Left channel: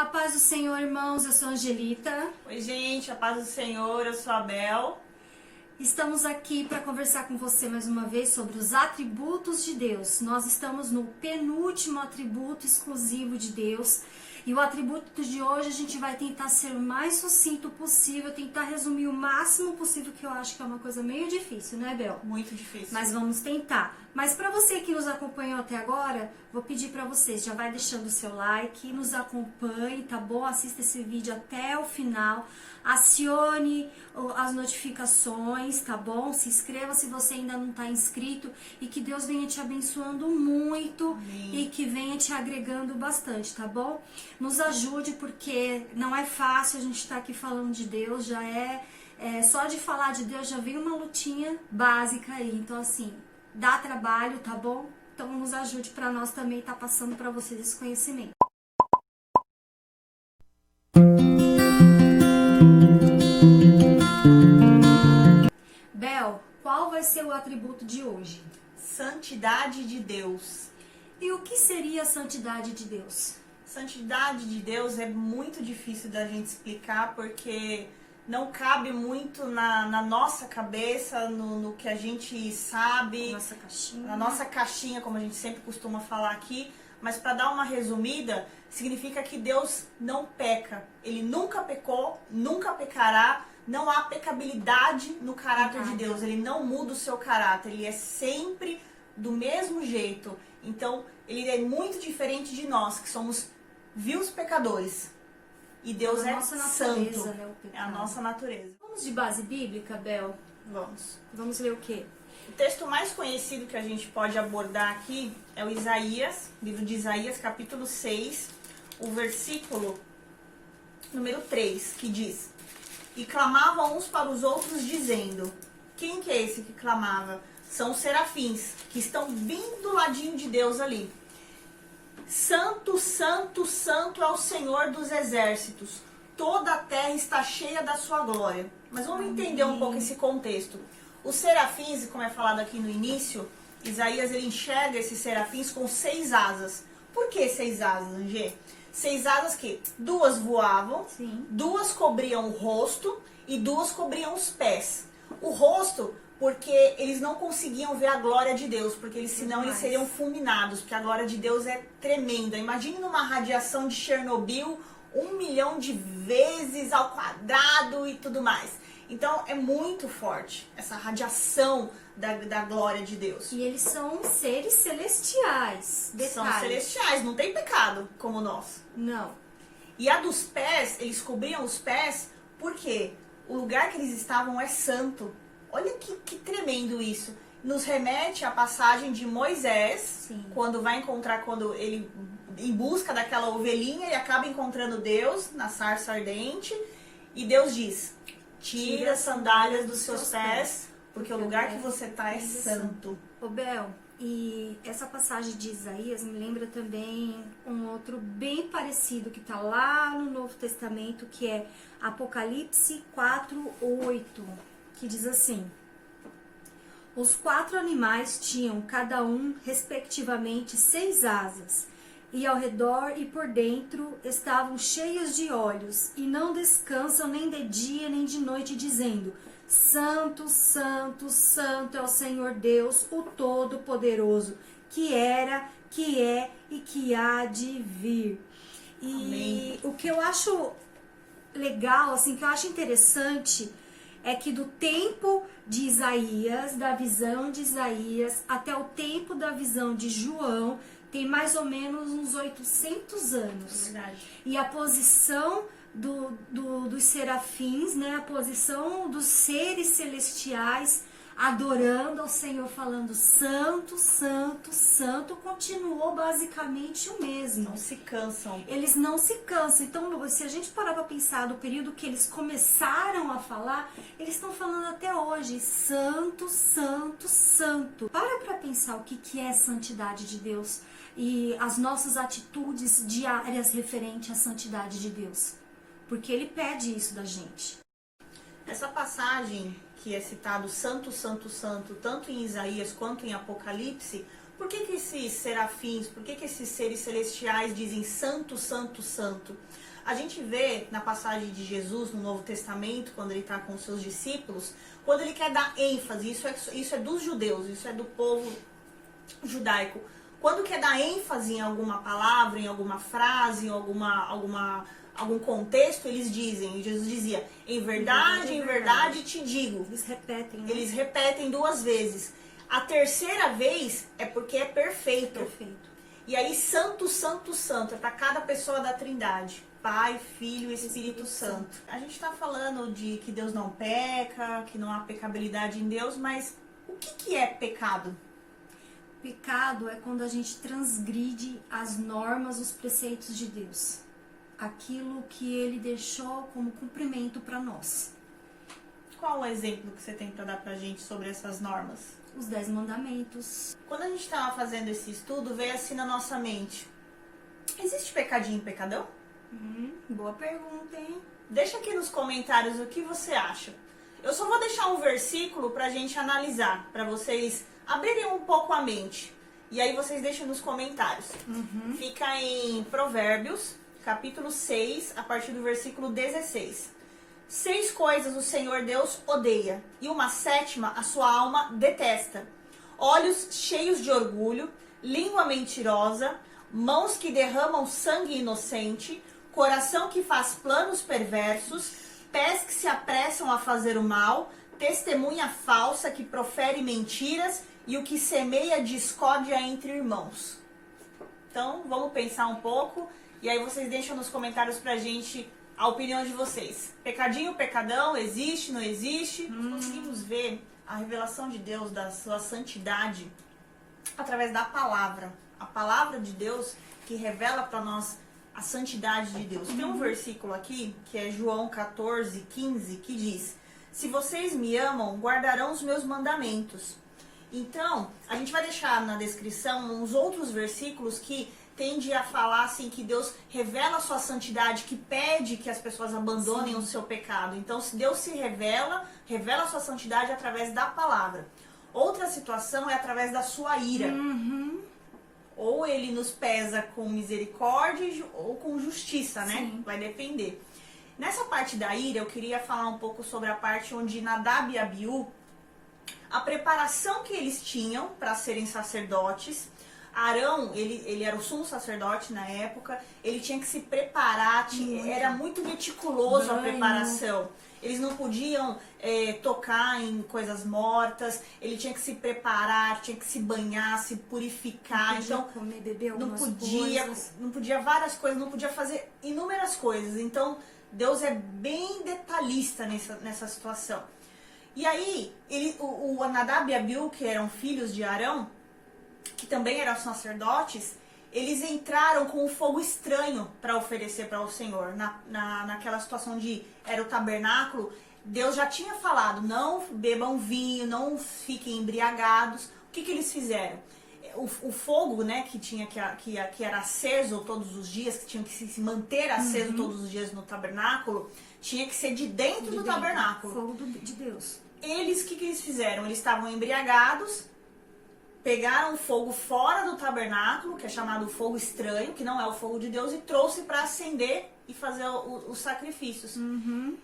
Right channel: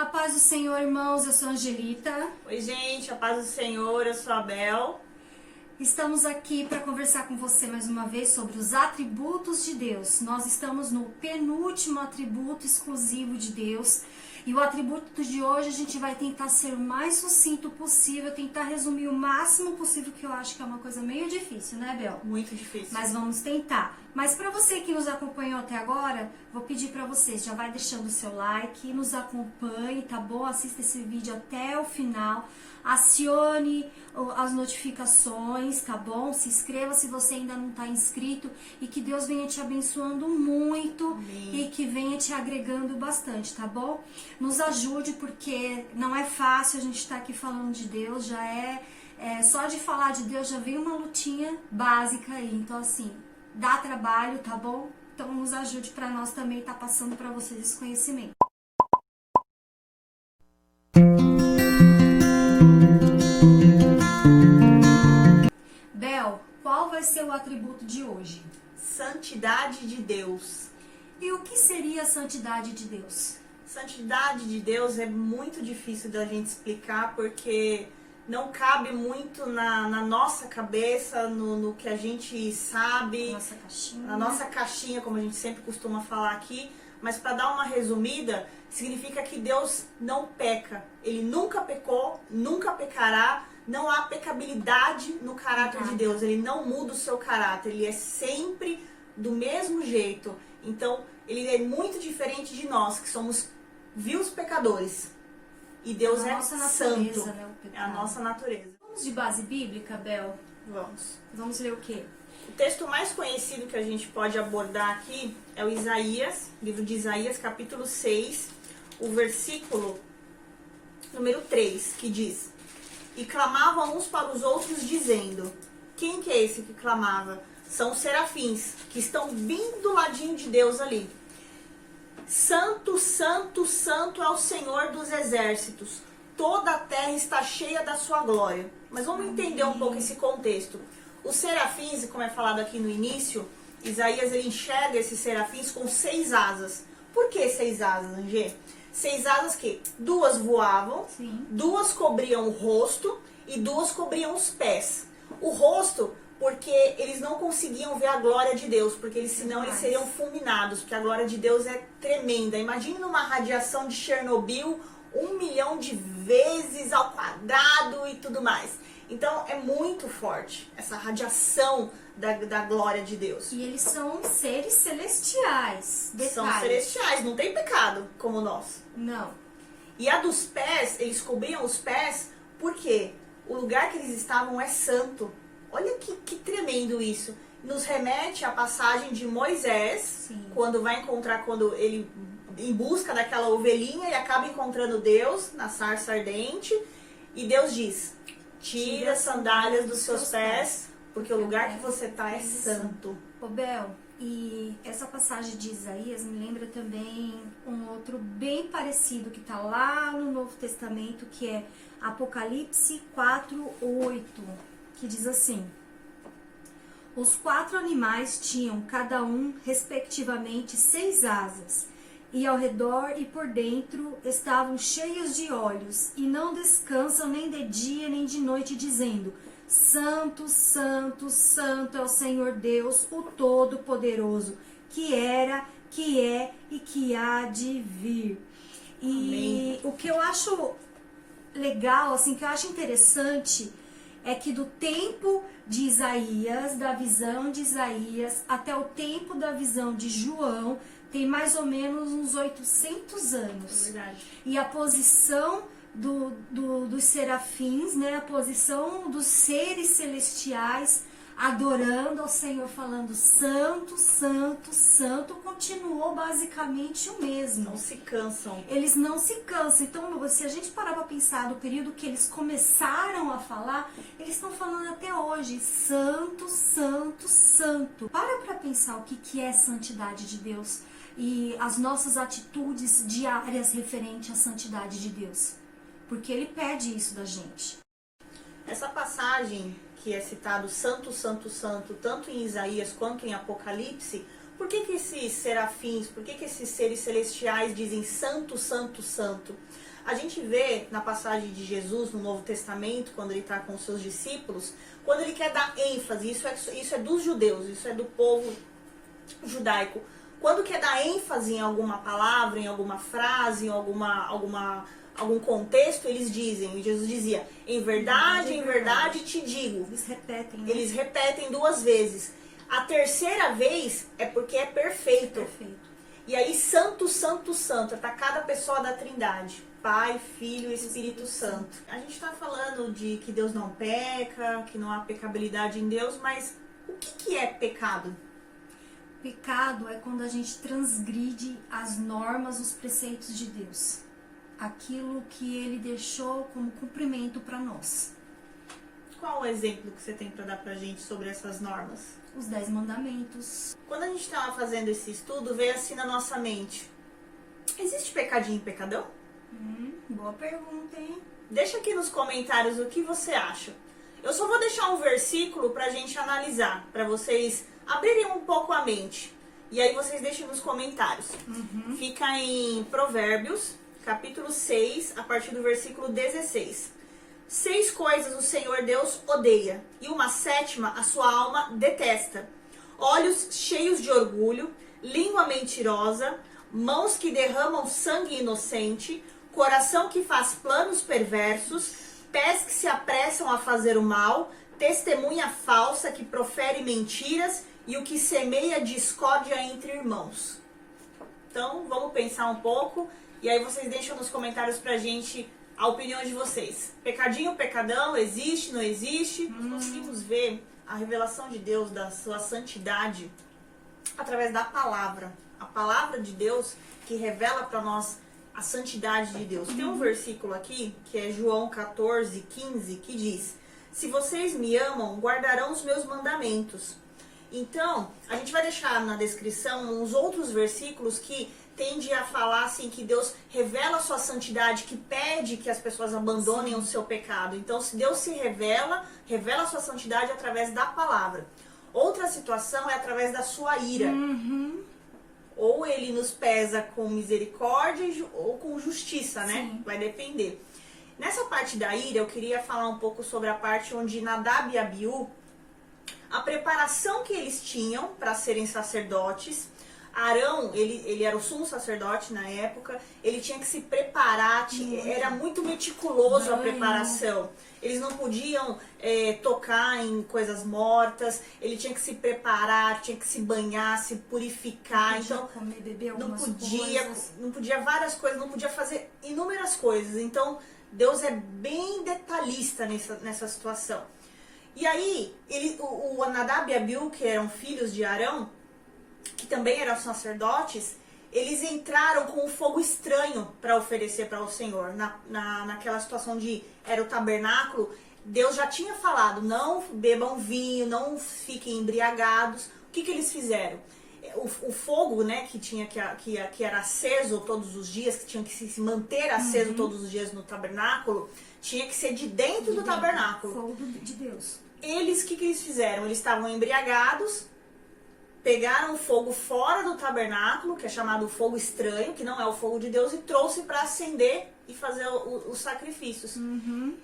A paz do Senhor, irmãos, eu sou a Angelita. Oi, gente, a paz do Senhor, eu sou a Bel. Estamos aqui para conversar com você mais uma vez sobre os atributos de Deus. Nós estamos no penúltimo atributo exclusivo de Deus. E o atributo de hoje a gente vai tentar ser o mais sucinto possível, tentar resumir o máximo possível, que eu acho que é uma coisa meio difícil, né, Bel? Muito difícil. Mas vamos tentar. Mas para você que nos acompanhou até agora, vou pedir para você, já vai deixando o seu like, nos acompanhe, tá bom? Assista esse vídeo até o final. Acione as notificações, tá bom? Se inscreva se você ainda não está inscrito e que Deus venha te abençoando muito. Amém. E que venha te agregando bastante, tá bom? Nos ajude porque não é fácil a gente estar aqui falando de Deus, já só de falar de Deus já vem uma lutinha básica aí, então assim, dá trabalho, tá bom? Então nos ajude para nós também estar passando para vocês esse conhecimento. Bel, qual vai ser o atributo de hoje? Santidade de Deus. E o que seria a santidade de Deus? Santidade de Deus é muito difícil da gente explicar porque não cabe muito na nossa cabeça, no que a gente sabe. Na nossa caixinha, como a gente sempre costuma falar aqui. Mas para dar uma resumida, significa que Deus não peca. Ele nunca pecou, nunca pecará. Não há pecabilidade no caráter de Deus. Ele não muda o seu caráter. Ele é sempre do mesmo jeito. Então, ele é muito diferente de nós, que somos vios pecadores. E Deus é santo. Né, é a nossa natureza. Vamos de base bíblica, Bel? Vamos. Vamos ler o quê? O texto mais conhecido que a gente pode abordar aqui é o Isaías, livro de Isaías, capítulo 6, o versículo número 3, que diz: E clamavam uns para os outros, dizendo... Quem que é esse que clamava? São os serafins, que estão bem do ladinho de Deus ali. Santo, santo, santo é o Senhor dos exércitos. Toda a terra está cheia da sua glória. Mas vamos entender um pouco esse contexto. Os serafins, como é falado aqui no início, Isaías ele enxerga esses serafins com 6 asas. Por que 6 asas, Angê? 6 asas que 2 voavam, Sim. 2 cobriam o rosto e 2 cobriam os pés. O rosto, porque eles não conseguiam ver a glória de Deus, porque senão eles seriam fulminados, porque a glória de Deus é tremenda. Imagine numa radiação de Chernobyl, 1 milhão de vezes ao quadrado e tudo mais. Então é muito forte essa radiação da glória de Deus. E eles são seres celestiais. São celestiais, não tem pecado como nós. Não. E a dos pés, eles cobriam os pés porque o lugar que eles estavam é santo. Olha que tremendo isso. Nos remete à passagem de Moisés, Sim. quando ele em busca daquela ovelhinha e acaba encontrando Deus na sarça ardente. E Deus diz: tira as sandálias dos seus pés, porque o lugar que você está é santo. Ô Bel, e essa passagem de Isaías me lembra também um outro bem parecido que está lá no Novo Testamento, que é Apocalipse 4:8, que diz assim: Os 4 animais tinham cada um, respectivamente, 6 asas, e ao redor e por dentro estavam cheios de olhos, e não descansam nem de dia nem de noite, dizendo: Santo, Santo, Santo é o Senhor Deus, o Todo-Poderoso, que era, que é e que há de vir. E Amém. O que eu acho legal, assim, que eu acho interessante, é que do tempo de Isaías, da visão de Isaías, até o tempo da visão de João, tem mais ou menos uns 800 anos. É verdade. E a posição dos serafins, né, a posição dos seres celestiais adorando ao Senhor, falando santo, santo, santo, continuou basicamente o mesmo. Não se cansam. Eles não se cansam. Então, se a gente parar para pensar do período que eles começaram a falar, eles estão falando até hoje, santo, santo, santo. Para pensar o que é santidade de Deus e as nossas atitudes diárias referente à santidade de Deus. Porque ele pede isso da gente. Essa passagem que é citado santo, santo, santo, tanto em Isaías quanto em Apocalipse, por que esses serafins, por que esses seres celestiais dizem santo, santo, santo? A gente vê na passagem de Jesus no Novo Testamento, quando ele está com os seus discípulos, quando ele quer dar ênfase, isso é dos judeus, isso é do povo judaico. Quando quer dar ênfase em alguma palavra, em alguma frase, em algum contexto, eles dizem, Jesus dizia, em verdade te digo. Eles repetem, né? Eles repetem 2 vezes. A terceira vez é porque é perfeito. Perfeito. E aí, santo, santo, santo, é para cada pessoa da Trindade. Pai, Filho e Espírito Santo. A gente está falando de que Deus não peca, que não há pecabilidade em Deus, mas o que é pecado? Pecado é quando a gente transgride as normas, os preceitos de Deus. Aquilo que ele deixou como cumprimento para nós. Qual o exemplo que você tem para dar pra gente sobre essas normas? Os 10 mandamentos. Quando a gente estava fazendo esse estudo, veio assim na nossa mente. Existe pecadinho e pecadão? Boa pergunta, hein? Deixa aqui nos comentários o que você acha. Eu só vou deixar um versículo pra gente analisar, pra vocês abrirem um pouco a mente. E aí vocês deixem nos comentários. Fica em Provérbios, capítulo 6, a partir do versículo 16. 6 coisas o Senhor Deus odeia, e uma 7ª a sua alma detesta. Olhos cheios de orgulho, língua mentirosa, mãos que derramam sangue inocente, coração que faz planos perversos, pés que se apressam a fazer o mal, testemunha falsa que profere mentiras e o que semeia discórdia entre irmãos. Então, vamos pensar um pouco e aí vocês deixam nos comentários pra gente a opinião de vocês. Pecadinho, pecadão, existe, não existe? Nós conseguimos ver a revelação de Deus, da sua santidade, através da palavra. A palavra de Deus que revela para nós a santidade de Deus. Tem um versículo aqui, que é João 14, 15, que diz: se vocês me amam, guardarão os meus mandamentos. Então, a gente vai deixar na descrição uns outros versículos que tende a falar assim que Deus revela a sua santidade, que pede que as pessoas abandonem o seu pecado. Então, se Deus se revela a sua santidade através da palavra. Outra situação é através da sua ira. Ou ele nos pesa com misericórdia ou com justiça, né? Sim. Vai depender. Nessa parte da ira, eu queria falar um pouco sobre a parte onde Nadab e Abiú, a preparação que eles tinham para serem sacerdotes. Arão, ele era o sumo sacerdote na época, ele tinha que se preparar, era muito meticuloso a preparação. Eles não podiam tocar em coisas mortas, ele tinha que se preparar, tinha que se banhar, se purificar. Não podia então comer, beber não coisas. não podia várias coisas, não podia fazer inúmeras coisas. Então Deus é bem detalhista nessa situação. E aí, o Nadab e Abiú, que eram filhos de Arão, que também eram sacerdotes, eles entraram com um fogo estranho para oferecer para o Senhor. Naquela situação era o tabernáculo, Deus já tinha falado, não bebam vinho, não fiquem embriagados. O que eles fizeram? O fogo, né, que era aceso todos os dias, que tinha que se manter aceso todos os dias no tabernáculo, tinha que ser de dentro do tabernáculo. Fogo de Deus. O que eles fizeram? Eles estavam embriagados, pegaram fogo fora do tabernáculo, que é chamado fogo estranho, que não é o fogo de Deus, e trouxe para acender e fazer os sacrifícios.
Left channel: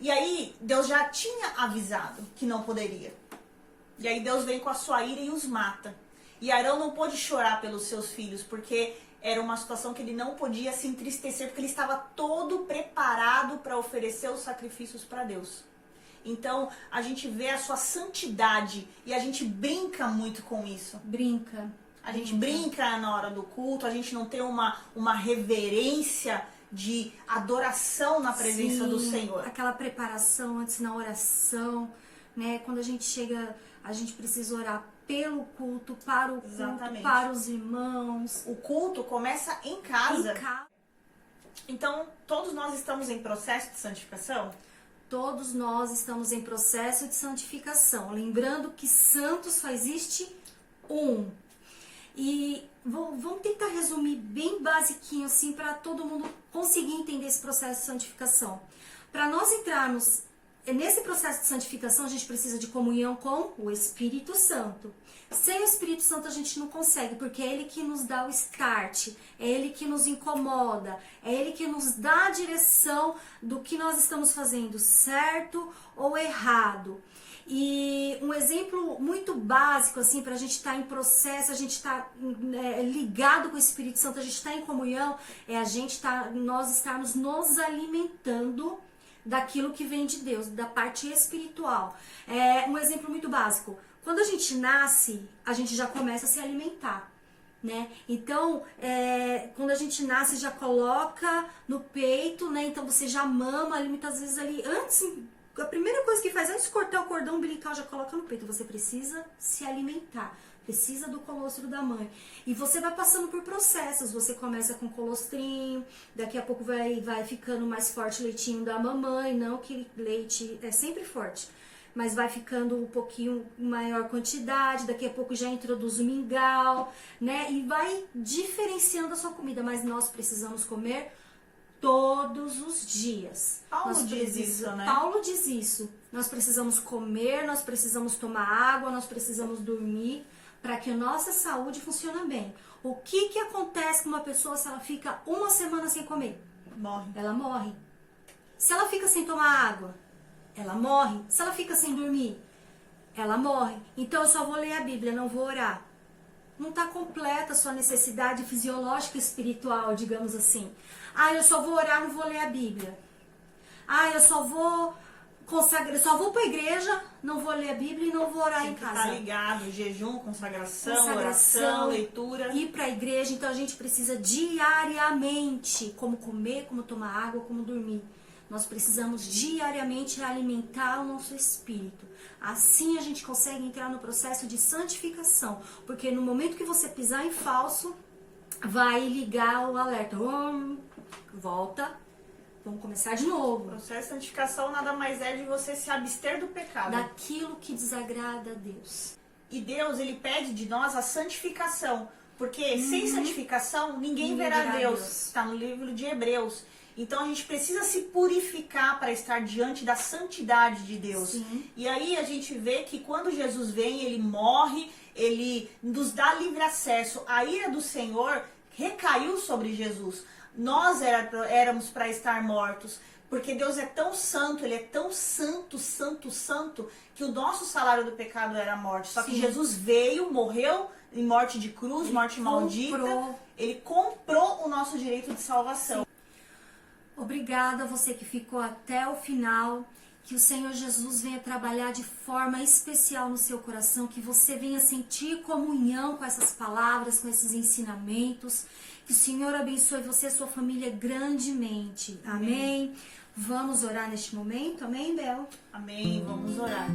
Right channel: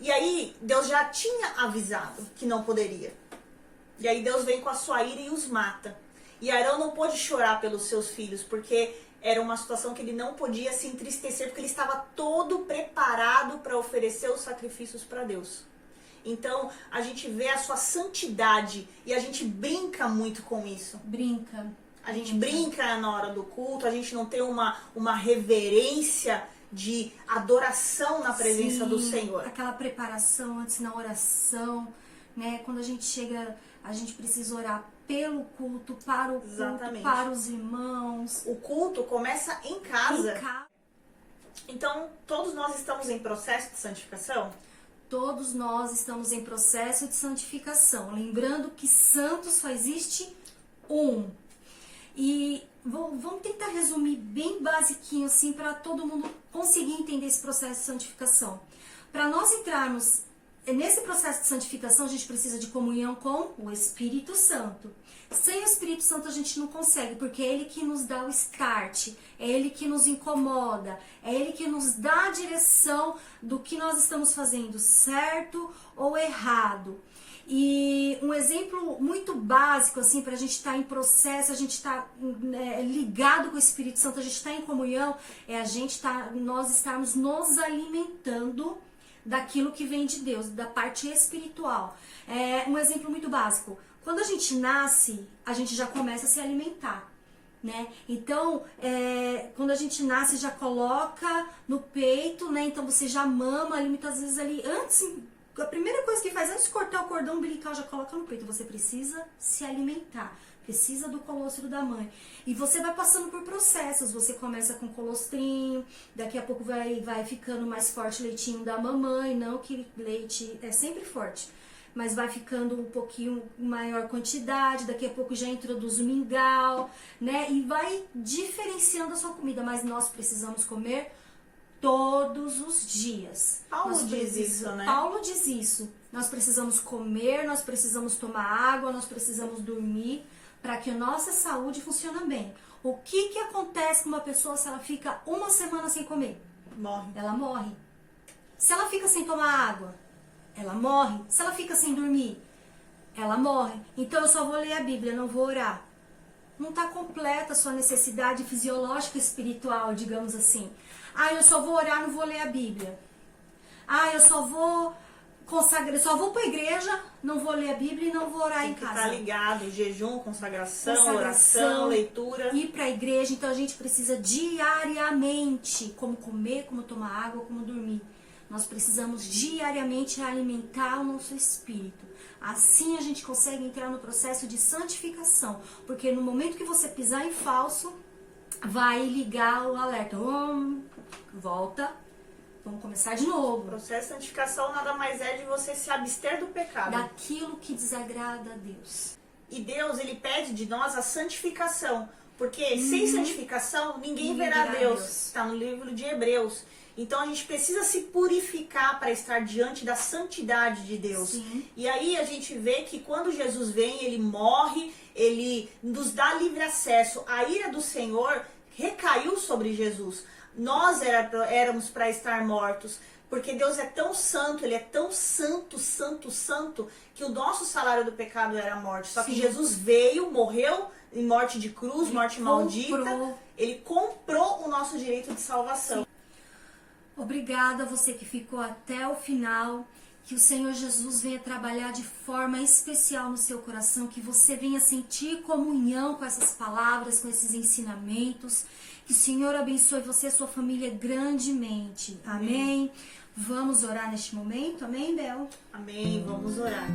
E aí, Deus já tinha avisado que não poderia. E aí Deus vem com a sua ira e os mata. E Arão não pôde chorar pelos seus filhos, porque era uma situação que ele não podia se entristecer, porque ele estava todo preparado para oferecer os sacrifícios para Deus. Então, a gente vê a sua santidade e a gente brinca muito com isso. A gente brinca na hora do culto, a gente não tem uma reverência de adoração na presença do Senhor. Aquela preparação antes na oração, né? Quando a gente chega, a gente precisa orar pelo culto, para o culto, Exatamente. para os irmãos. O culto começa em casa. Então, todos nós estamos em processo de santificação? Todos nós estamos em processo de santificação. Lembrando que santo só existe um. E vamos tentar resumir bem basiquinho assim para todo mundo conseguir entender esse processo de santificação. Para nós entrarmos nesse processo de santificação, a gente precisa de comunhão com o Espírito Santo. Sem o Espírito Santo a gente não consegue, porque é Ele que nos dá o start, é Ele que nos incomoda, é Ele que nos dá a direção do que nós estamos fazendo, certo ou errado. E um exemplo muito básico, assim, para a gente estar em processo, a gente estar ligado com o Espírito Santo, a gente estar em comunhão, é nós estarmos nos alimentando daquilo que vem de Deus, da parte espiritual. Um exemplo muito básico. Quando a gente nasce, a gente já começa a se alimentar, né? Então, quando a gente nasce, já coloca no peito, né? Então você já mama ali, muitas vezes ali, antes, a primeira coisa que faz, antes de cortar o cordão umbilical, já coloca no peito. Você precisa se alimentar, precisa do colostro da mãe. E você vai passando por processos, você começa com colostrinho, daqui a pouco vai ficando mais forte o leitinho da mamãe, não que leite é sempre forte, mas vai ficando um pouquinho maior quantidade, daqui a pouco já introduz o mingau, né? E vai diferenciando a sua comida, mas nós precisamos comer todos os dias. Paulo diz isso, né? Paulo diz isso. Nós precisamos comer, nós precisamos tomar água, nós precisamos dormir, para que a nossa saúde funcione bem. O que acontece com uma pessoa se ela fica uma semana sem comer? Morre. Ela morre. Se ela fica sem tomar água, ela morre. Se ela fica sem dormir, ela morre. Então eu só vou ler a Bíblia, não vou orar. Não está completa a sua necessidade fisiológica e espiritual, digamos assim. Eu só vou orar, não vou ler a Bíblia. Eu só vou consagrar, só vou para a igreja, não vou ler a Bíblia e não vou orar em casa. Tá ligado, jejum, consagração, oração, leitura. Ir para a igreja, então a gente precisa diariamente, como comer, como tomar água, como dormir. Nós precisamos diariamente alimentar o nosso espírito. Assim a gente consegue entrar no processo de santificação. Porque no momento que você pisar em falso, vai ligar o alerta. Volta, vamos começar de novo. O processo de santificação nada mais é de você se abster do pecado. Daquilo que desagrada a Deus. E Deus, Ele pede de nós a santificação. Porque sem santificação, ninguém verá Deus. Está no livro de Hebreus. Então a gente precisa se purificar para estar diante da santidade de Deus. Sim. E aí a gente vê que quando Jesus vem, Ele morre, Ele nos dá livre acesso. A ira do Senhor recaiu sobre Jesus. Nós éramos para estar mortos. Porque Deus é tão santo, Ele é tão santo, santo, santo, que o nosso salário do pecado era a morte. Só que Jesus veio, morreu em morte de cruz, morte maldita. Ele comprou o nosso direito de salvação. Sim. Obrigada a você que ficou até o final, que o Senhor Jesus venha trabalhar de forma especial no seu coração, que você venha sentir comunhão com essas palavras, com esses ensinamentos, que o Senhor abençoe você e sua família grandemente. Amém? Vamos orar neste momento, amém, Bel? Amém, vamos orar.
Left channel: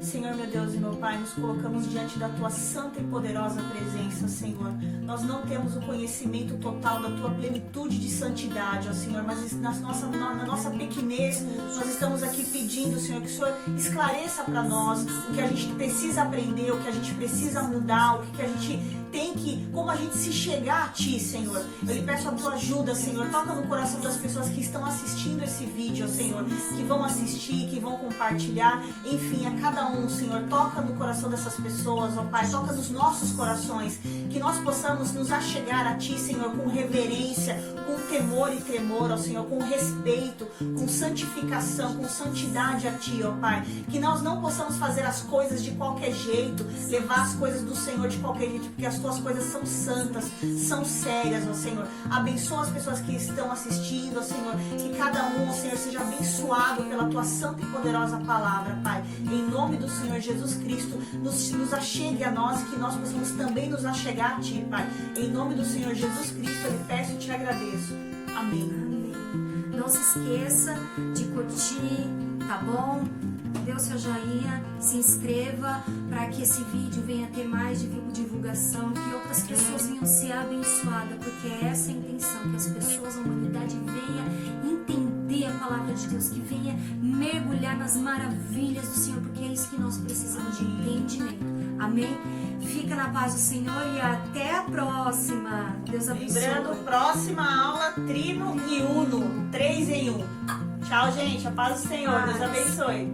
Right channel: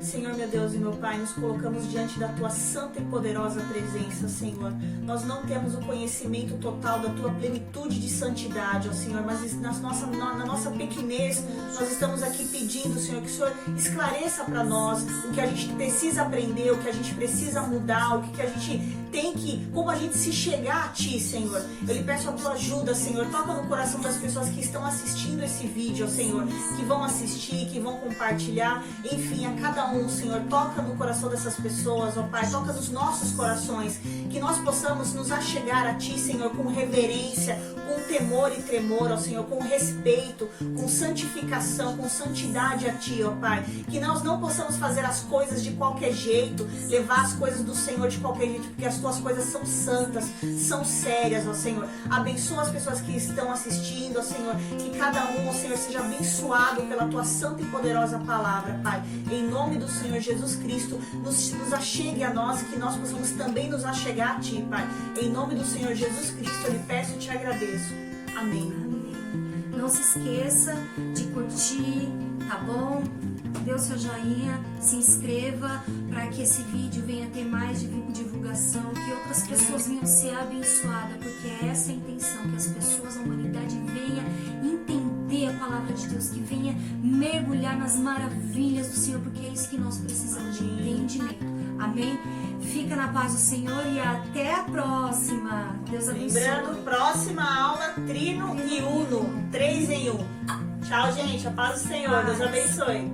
Senhor, meu Deus e meu Pai, nos colocamos diante da Tua santa e poderosa presença, Senhor. Nós não temos o conhecimento total da Tua plenitude de santidade, ó Senhor, mas na nossa pequenez, nós estamos aqui pedindo, Senhor, que o Senhor esclareça para nós o que a gente precisa aprender, o que a gente precisa mudar, o que a gente tem que, como a gente se chegar a Ti, Senhor. Eu lhe peço a Tua ajuda, Senhor, toca no coração das pessoas que estão assistindo esse vídeo, ó Senhor, que vão assistir, que vão compartilhar, enfim, a cada um, Senhor, toca no coração dessas pessoas, ó Pai, toca nos nossos corações, que nós possamos nos achegar a Ti, Senhor, com reverência, com temor e tremor, ó Senhor, com respeito, com santificação, com santidade a Ti, ó Pai, que nós não possamos fazer as coisas de qualquer jeito, levar as coisas do Senhor de qualquer jeito, porque as Tuas coisas são santas, são sérias, ó Senhor. Abençoa as pessoas que estão assistindo, ó Senhor, que cada um, ó Senhor, seja abençoado pela Tua santa e poderosa palavra, Pai. Em nome do Senhor Jesus Cristo, nos achegue a nós e que nós possamos também nos achegar a Ti, Pai. Em nome do Senhor Jesus Cristo, eu lhe peço e te agradeço. Amém. Amém. Não se esqueça de curtir, tá bom? Dê o seu joinha, se inscreva para que esse vídeo venha ter mais divulgação, que outras pessoas venham ser abençoadas, porque essa é a intenção, que as pessoas, a humanidade venha entender a palavra de Deus, que venha mergulhar nas maravilhas do Senhor, porque é isso que nós precisamos de entendimento. Amém? Fica na paz do Senhor e até a próxima. Deus abençoe. Lembrando, próxima aula, Trino e Uno. 3 em 1. Tchau, gente. A paz do Senhor. Deus abençoe.